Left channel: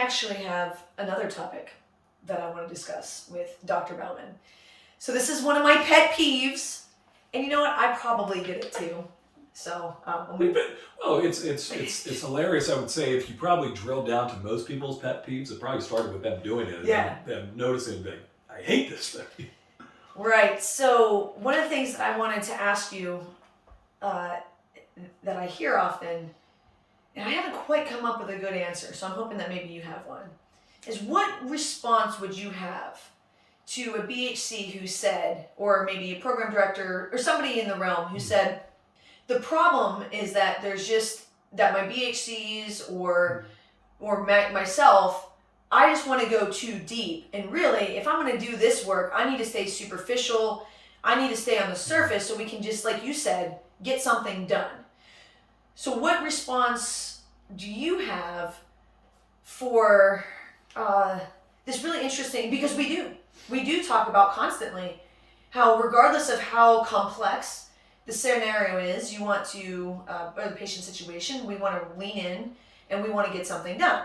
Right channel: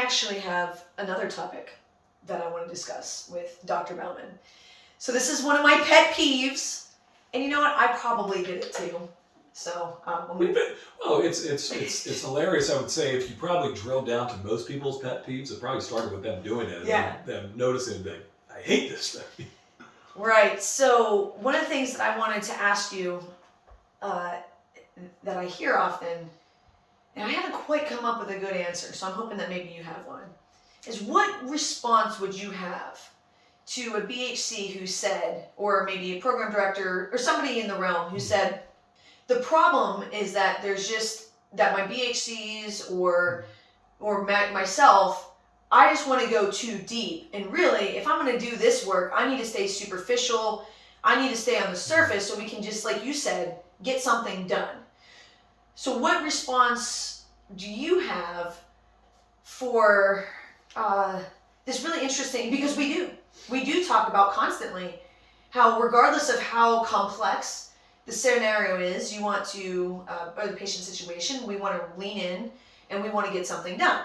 I actually have another topic that I want to discuss with Dr. Bauman. So this is one of my pet peeves, and you know what? I probably did it too. So it's hilarious. I would say if you probably drill down to most people's pet peeves, it probably started with them doing it, and them noticing that I hate this thing. Right. So one of the things that I wanted to ask you that I hear often, and I haven't quite come up with a good answer, so I'm hoping that maybe you have one, is what response would you have to a BHC who said, or maybe a program director or somebody in the realm who said, the problem is that there's just that my BHCs or myself, I just want to go too deep. And really, if I'm going to do this work, I need to stay superficial. I need to stay on the surface so we can just, like you said, get something done. So what response do you have for this really interesting, because we do talk about constantly how regardless of how complex the scenario is, you want to, or the patient situation, we want to lean in and we want to get something done.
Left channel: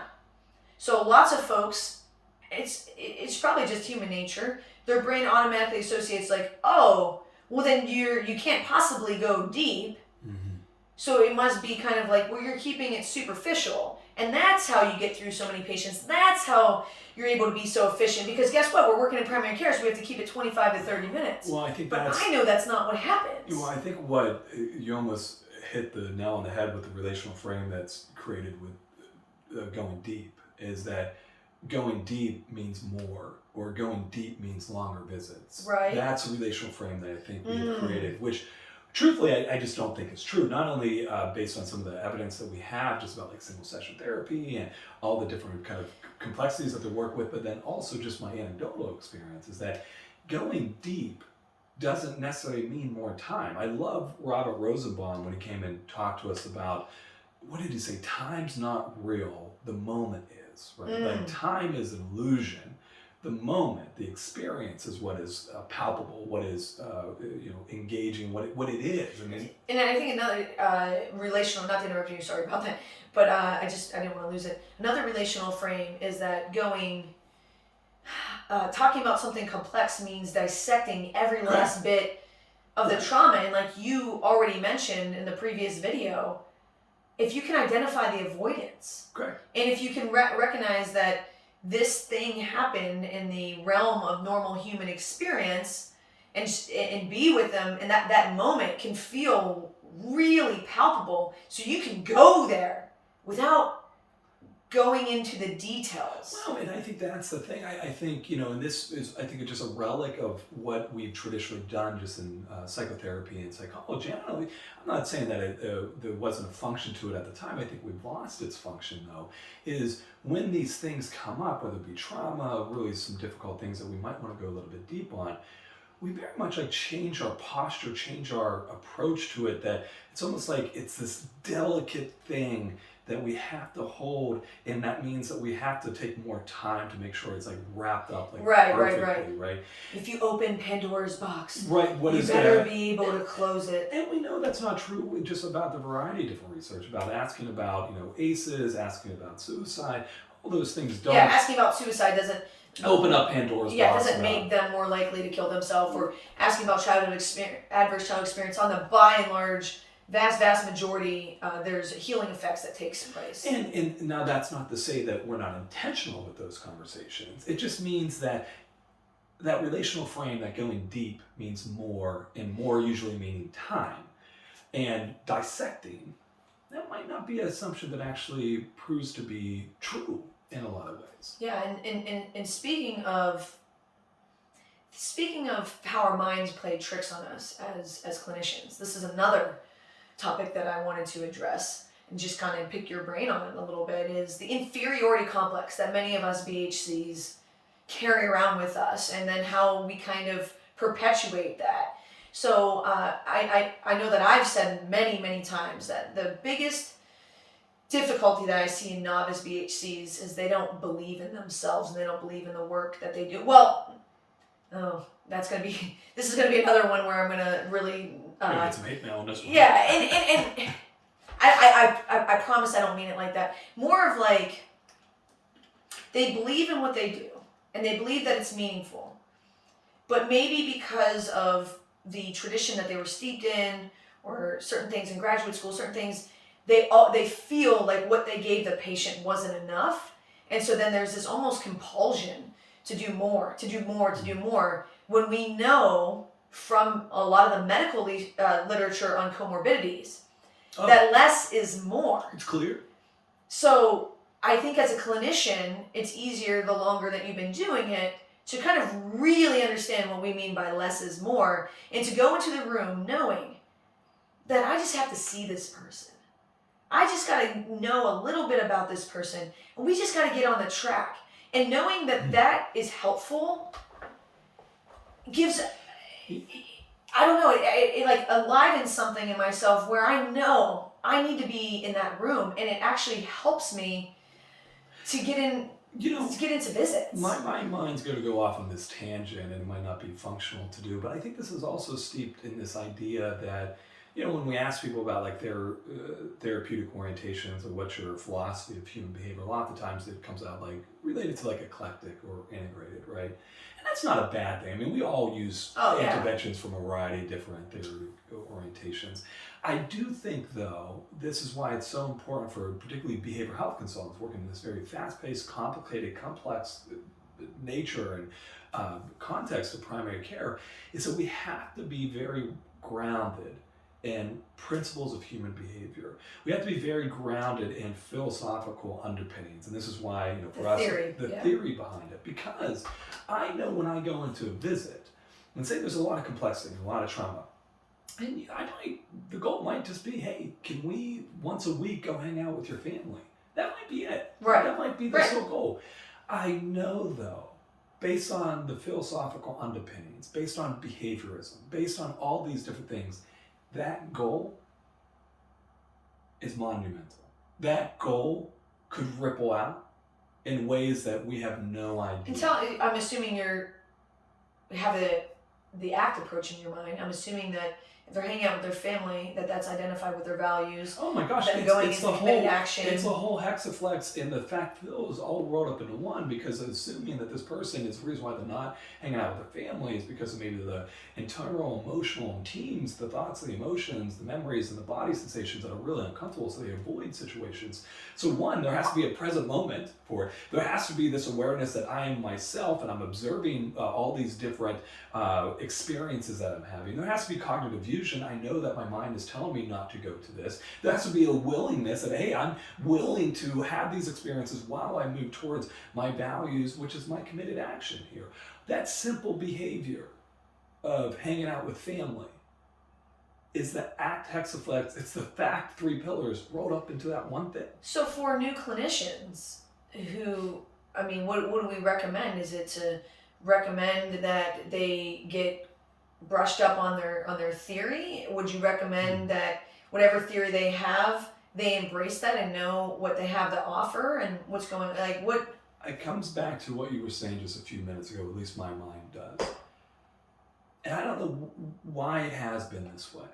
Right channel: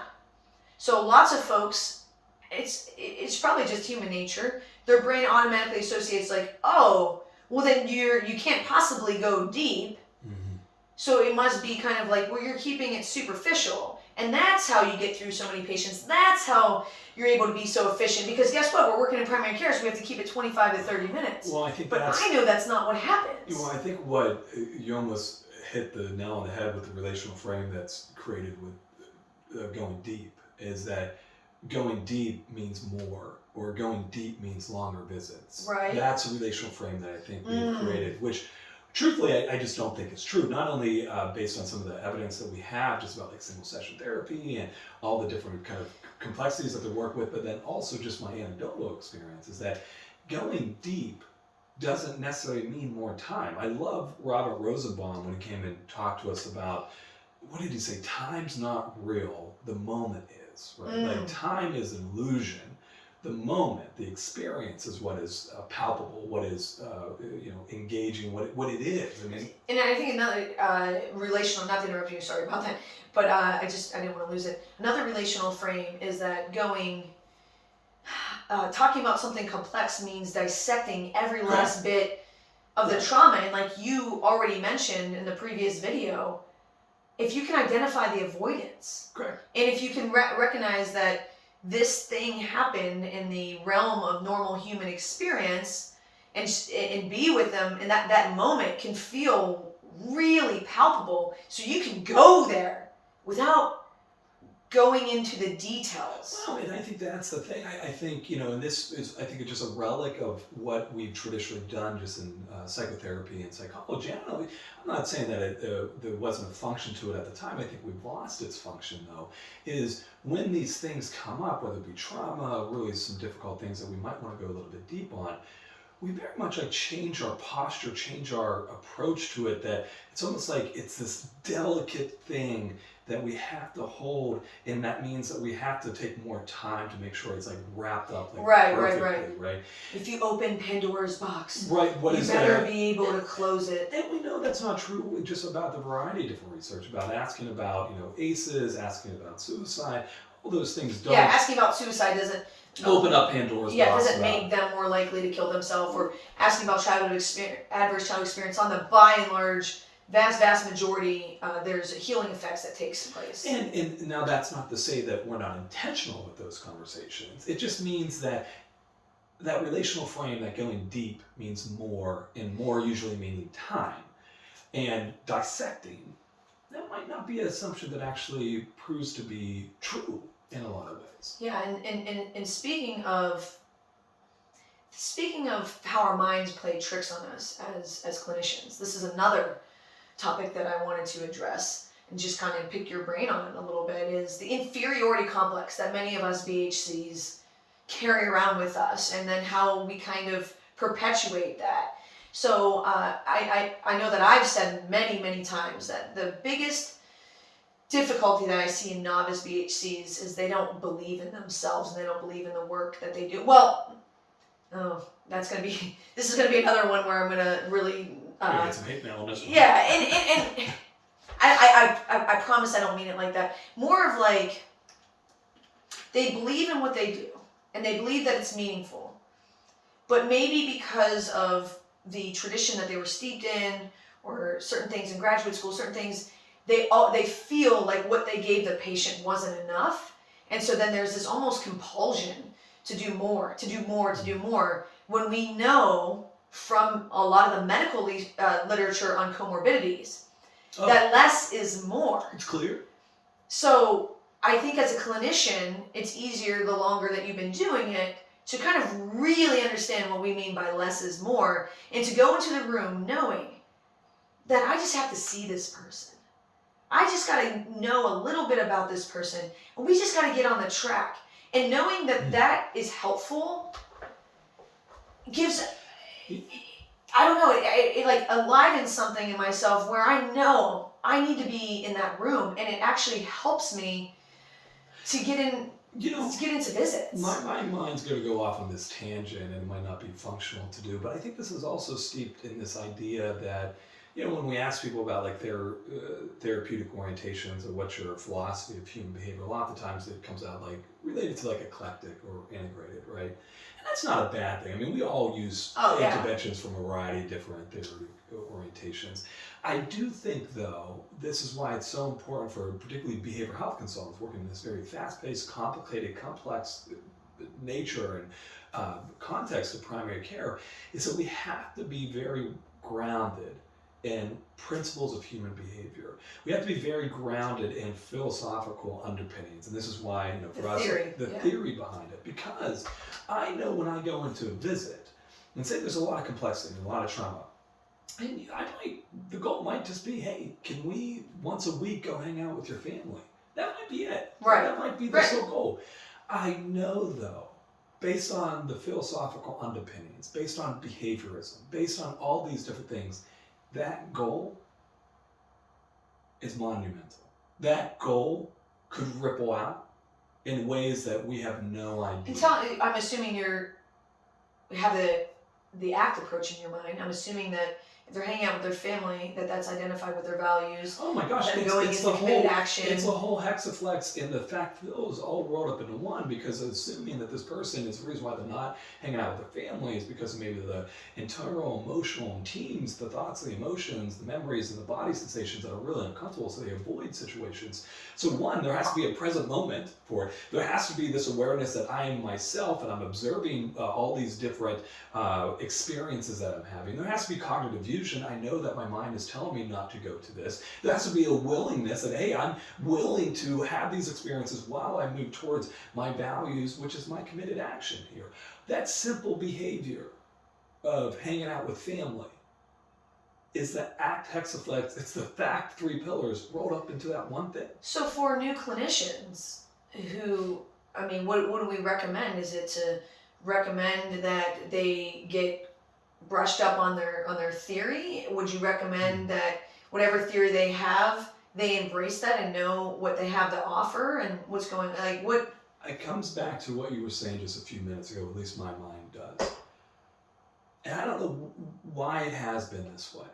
So lots of folks, it's probably just human nature. Their brain automatically associates like, oh, well then you can't possibly go deep. Mm-hmm. So it must be kind of like, well, you're keeping it superficial. And that's how you get through so many patients. That's how you're able to be so efficient. Because guess what? We're working in primary care, so we have to keep it 25 to 30 minutes. Well, I think but I know that's not what happens. Well, I think what you almost hit the nail on the head with the relational frame that's created with going deep is that going deep means more, or going deep means longer visits. Right. That's a relational frame that I think we've created, which truthfully I just don't think is true. Not only based on some of the evidence that we have just about like single session therapy and all the different kind of complexities that they work with, but then also just my anecdotal experience is that going deep doesn't necessarily mean more time. I love Robert Rosenbaum when he came and talked to us about, what did he say? Time's not real, the moment is, right? Like time is an illusion. The moment, the experience is what is palpable, what is engaging, what it is. I mean, and I think another relational, not to interrupt you, sorry about that, but I didn't want to lose it. Another relational frame is that talking about something complex means dissecting every last bit of the trauma. And like you already mentioned in the previous video, if you can identify the avoidance, and if you can recognize that this thing happened in the realm of normal human experience and be with them, and that moment can feel really palpable, so you can go there without going into the details. Well, and I think that's the thing. I think, and this is, I think it's just a relic of what we've traditionally done just in psychotherapy and psychology. I'm not saying that there wasn't a function to it at the time. I think we've lost its function, though, is when these things come up, whether it be trauma, really some difficult things that we might want to go a little bit deep on, we very much like change our posture, change our approach to it, that it's almost like it's this delicate thing that we have to hold, and that means that we have to take more time to make sure it's like wrapped up like perfectly, right? If you open Pandora's box, you better be able to close it. And we know that's not true just about the variety of different research, about asking about, ACEs, asking about suicide, all those things don't... Yeah, asking about suicide doesn't... open up Pandora's box. Yeah, it doesn't make them more likely to kill themselves, or asking about adverse childhood experience. On the by and large, vast majority, there's healing effects that takes place. And now that's not to say that we're not intentional with those conversations. It just means that relational frame, that going deep means more, and more usually meaning time. And dissecting, that might not be an assumption that actually proves to be true in a lot of ways. Yeah, and speaking of how our minds play tricks on us as clinicians, this is another topic that I wanted to address and just kind of pick your brain on a little bit, is the inferiority complex that many of us BHCs carry around with us, and then how we kind of perpetuate that. So I know that I've said many times that the biggest difficulty that I see in novice BHCs is they don't believe in themselves, and they don't believe in the work that they do. Well, this is going to be another one where I'm going to really... get some hate mail on this one. Yeah, and I promise I don't mean it like that. More of like, They believe in what they do, and they believe that it's meaningful. But maybe because of the tradition that they were steeped in, or certain things in graduate school, certain things, they feel like what they gave the patient wasn't enough. And so then there's this almost compulsion to do more, to do more, to do more, when we know from a lot of the medical literature on comorbidities that less is more. It's clear. So I think as a clinician, it's easier the longer that you've been doing it to kind of really understand what we mean by less is more, and to go into the room knowing that I just have to see this person. I just got to know a little bit about this person, and we just got to get on the track. And knowing that that is helpful gives, I don't know, it like enlivens something in myself where I know I need to be in that room, and it actually helps me to get in, to get into visits. My mind's going to go off on this tangent, and it might not be functional to do, but I think this is also steeped in this idea that, when we ask people about like their therapeutic orientations or what's your philosophy of human behavior, a lot of the times it comes out like related to like eclectic or integrated, right? And that's not a bad thing. I mean, we all use interventions from a variety of different therapeutic orientations. I do think, though, this is why it's so important for particularly behavioral health consultants working in this very fast-paced, complicated, complex nature and context of primary care, is that we have to be very grounded in principles of human behavior. We have to be very grounded in philosophical underpinnings, and this is why, for us, the theory behind it. Because I know when I go into a visit, and say there's a lot of complexity, a lot of trauma, and the goal might just be, hey, can we once a week go hang out with your family? That might be it. Right. That might be the sole goal. I know, though, based on the philosophical underpinnings, based on behaviorism, based on all these different things, that goal is monumental. That goal could ripple out in ways that we have no idea. I'm assuming you have the ACT approach in your mind. I'm assuming that if they're hanging out with their family, that's identified with their values. Oh my gosh, it's the whole action. It's a whole hexaflex, and the fact is all rolled up into one, because assuming that this person is the reason why they're not hanging out with their family is because of maybe the internal emotional teams, the thoughts, the emotions, the memories, and the body sensations that are really uncomfortable, so they avoid situations. So one, there has to be a present moment for it. There has to be this awareness that I am myself, and I'm observing all these different experiences that I'm having. There has to be cognitive fusion. I know that my mind is telling me not to go to this. There has to be a willingness that, hey, I'm willing to have these experiences while I move towards my values, which is my committed action here. That simple behavior of hanging out with family is the ACT hexaflex. It's the fACT 3 pillars rolled up into that one thing. So for new clinicians who, what do we recommend? Is it to recommend that they get brushed up on their theory? Would you recommend that whatever theory they have, they embrace that and know what they have to offer and what's going on? Like what? It comes back to what you were saying just a few minutes ago, at least my mind does. And I don't know why it has been this way.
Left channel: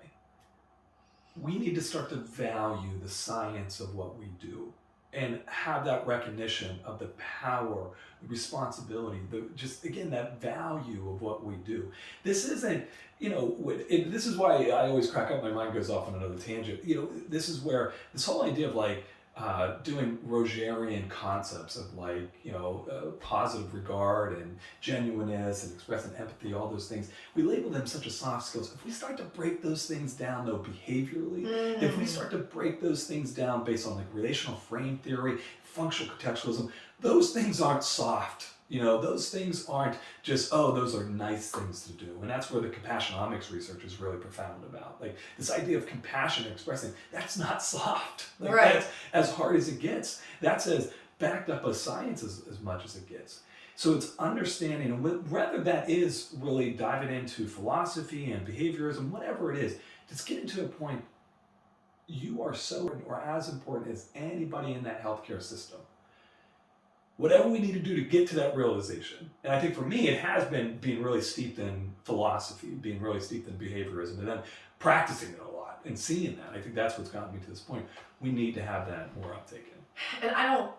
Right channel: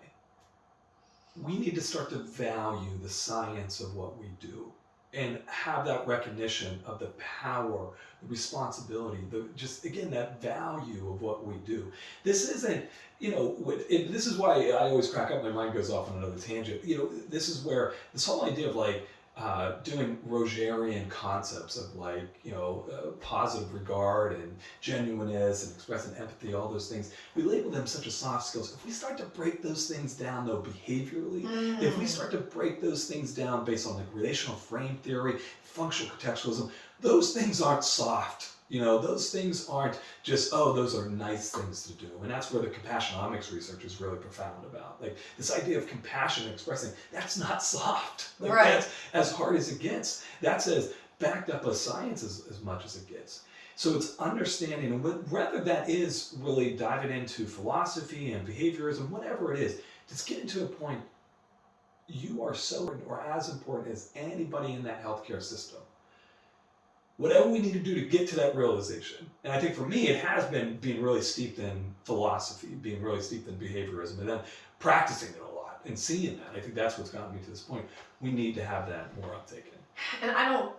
We need to start to value the science of what we do and have that recognition of the power, the responsibility, that value of what we do. This isn't, this is why I always crack up, my mind goes off on another tangent. This is where this whole idea of doing Rogerian concepts of positive regard and genuineness and expressing empathy, all those things, we label them such as soft skills. If we start to break those things down, though, behaviorally, if we start to break those things down based on relational frame theory, functional contextualism, those things aren't soft. Those things aren't just, those are nice things to do. And that's where the compassionomics research is really profound about. Like this idea of compassion expressing, that's not soft. Right. That's as hard as it gets. That's as backed up as science as much as it gets. So it's understanding, whether that is really diving into philosophy and behaviorism, whatever it is, just getting to a point, you are so or as important as anybody in that healthcare system. Whatever we need to do to get to that realization. And I think for me, it has been being really steeped in philosophy, being really steeped in behaviorism, and then practicing it a lot and seeing that. I think that's what's gotten me to this point. We need to have that more uptake in. And I don't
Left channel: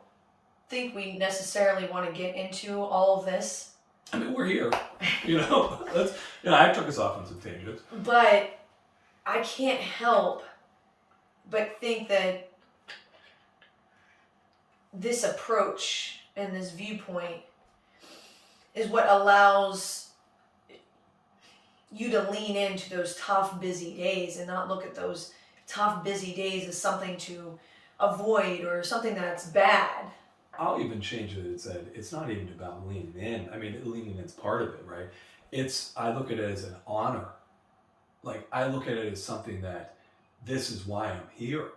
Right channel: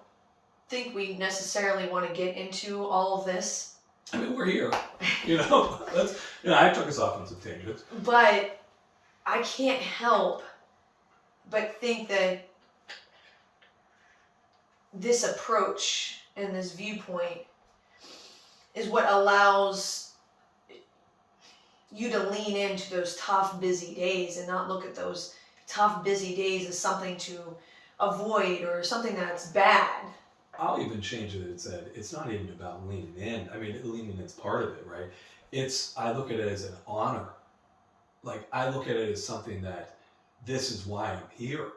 think we necessarily want to get into all of this. I mean, we're here, that's, I took us off on some tangents. But I can't help but think that this approach and this viewpoint is what allows you to lean into those tough, busy days and not look at those tough, busy days as something to avoid or something that's bad. I'll even change it and said it's not even about leaning in. I mean, leaning in's part of it, right? I look at it as an honor. Like, I look at it as something that this is why I'm here.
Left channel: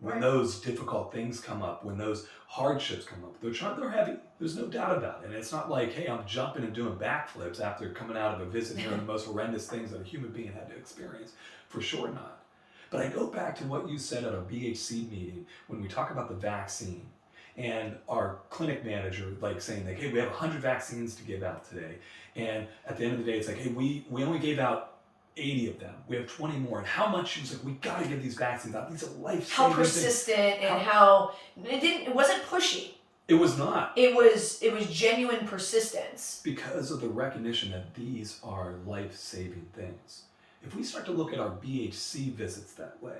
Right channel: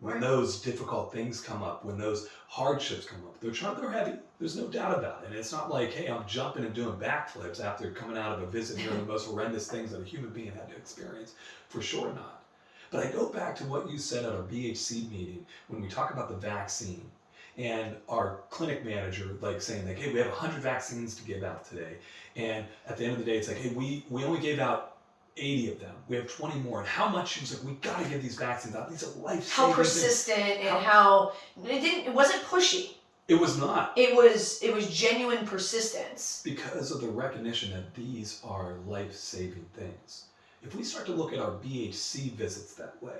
When those difficult things come up, when those hardships come up, they're heavy. There's no doubt about it. And it's not like, hey, I'm jumping and doing backflips after coming out of a visit hearing the most horrendous things that a human being had to experience. For sure not. But I go back to what you said at our BHC meeting when we talk about the vaccine and our clinic manager saying hey, we have 100 vaccines to give out today. And at the end of the day, it's like, hey, we only gave out 80 of them. We have 20 more. And how much? She was like, we got to get these vaccines out. These are life-saving How persistent things. And how it wasn't pushy. It was not. It was genuine persistence. Because of the recognition that these are life-saving things. If we start to look at our BHC visits that way,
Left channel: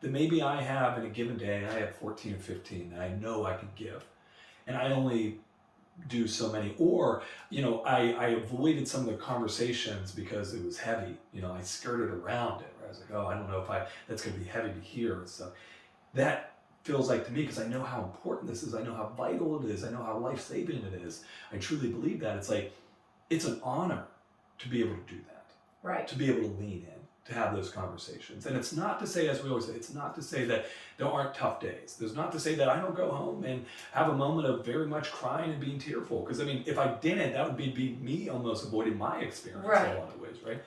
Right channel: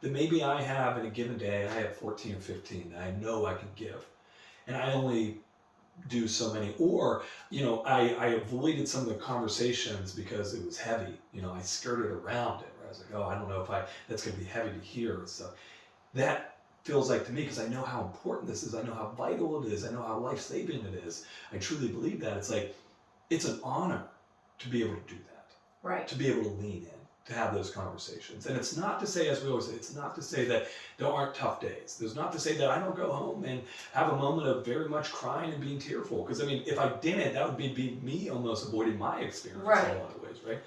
then maybe I have in a given day, I have 14 or 15 that I know I can give. And I only do so many, or I avoided some of the conversations because it was heavy. I skirted around it. Right? I was like, oh, I don't know if that's going to be heavy to hear and stuff. That feels like to me, because I know how important this is, I know how vital it is, I know how life-saving it is. I truly believe that. It's like, it's an honor to be able to do that. Right. To be able to lean in, to have those conversations. And it's not to say, as we always say, it's not to say that there aren't tough days. There's not to say that I don't go home and have a moment of very much crying and being tearful. Because I mean, if I didn't, that would be me almost avoiding my experience in a lot of ways, right?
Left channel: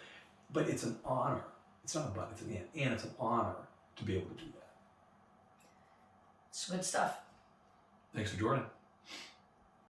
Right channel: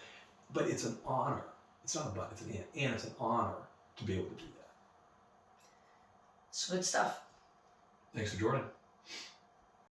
But it's an honor. It's not a but, it's an and it's an honor to be able to do that. It's good stuff. Thanks for joining.